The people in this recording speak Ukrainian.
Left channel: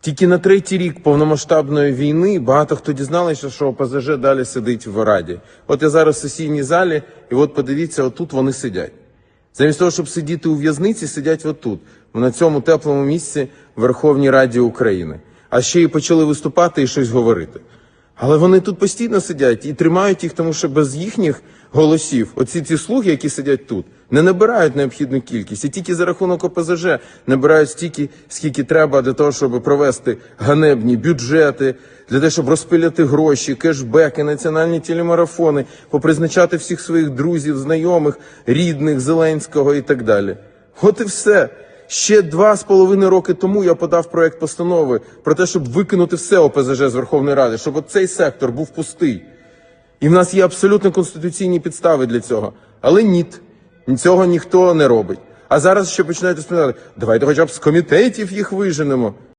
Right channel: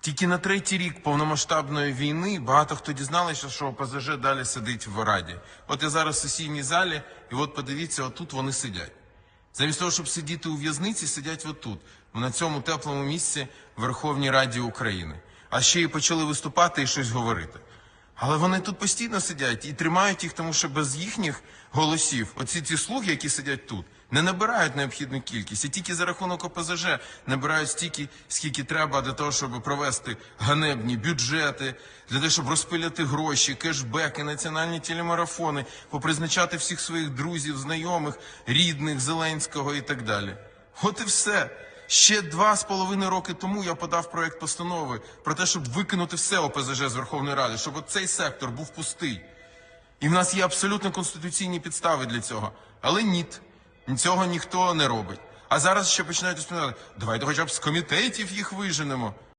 Тільки на третій рік повномасштабної війни багато хто дізналися, що ОПЗЖ далі сидить в Раді. От я зараз в сесійній залі, і от подивіться, отут вони сидять. Замість того, щоб сидіти у в'язниці, сидять отут, на цьому теплому місці в Верховній Раді України. А ще й почали виступати і щось говорити. Але вони тут постійно сидять і тримають їх, тому що без їхніх голосів, оці ці слуги, які сидять тут, не набирають необхідну кількість. І тільки за рахунок ОПЗЖ набирають стільки, скільки треба для того, щоб провести ганебні бюджети, для того, щоб розпиляти гроші, кешбеки, національні телемарафони, попризначати всіх своїх друзів, знайомих, рідних, Зеленського і так далі. От і все. Ще два з половиною роки тому я подав проект постанови про те, щоб викинути все ОПЗЖ з Верховної Ради, щоб цей сектор був пустий. І в нас є абсолютно конституційні підстави для цього. Але ні, цього ніхто не робить. А зараз ще починають розповідати, давайте хоча б з комітетів їх виженемо.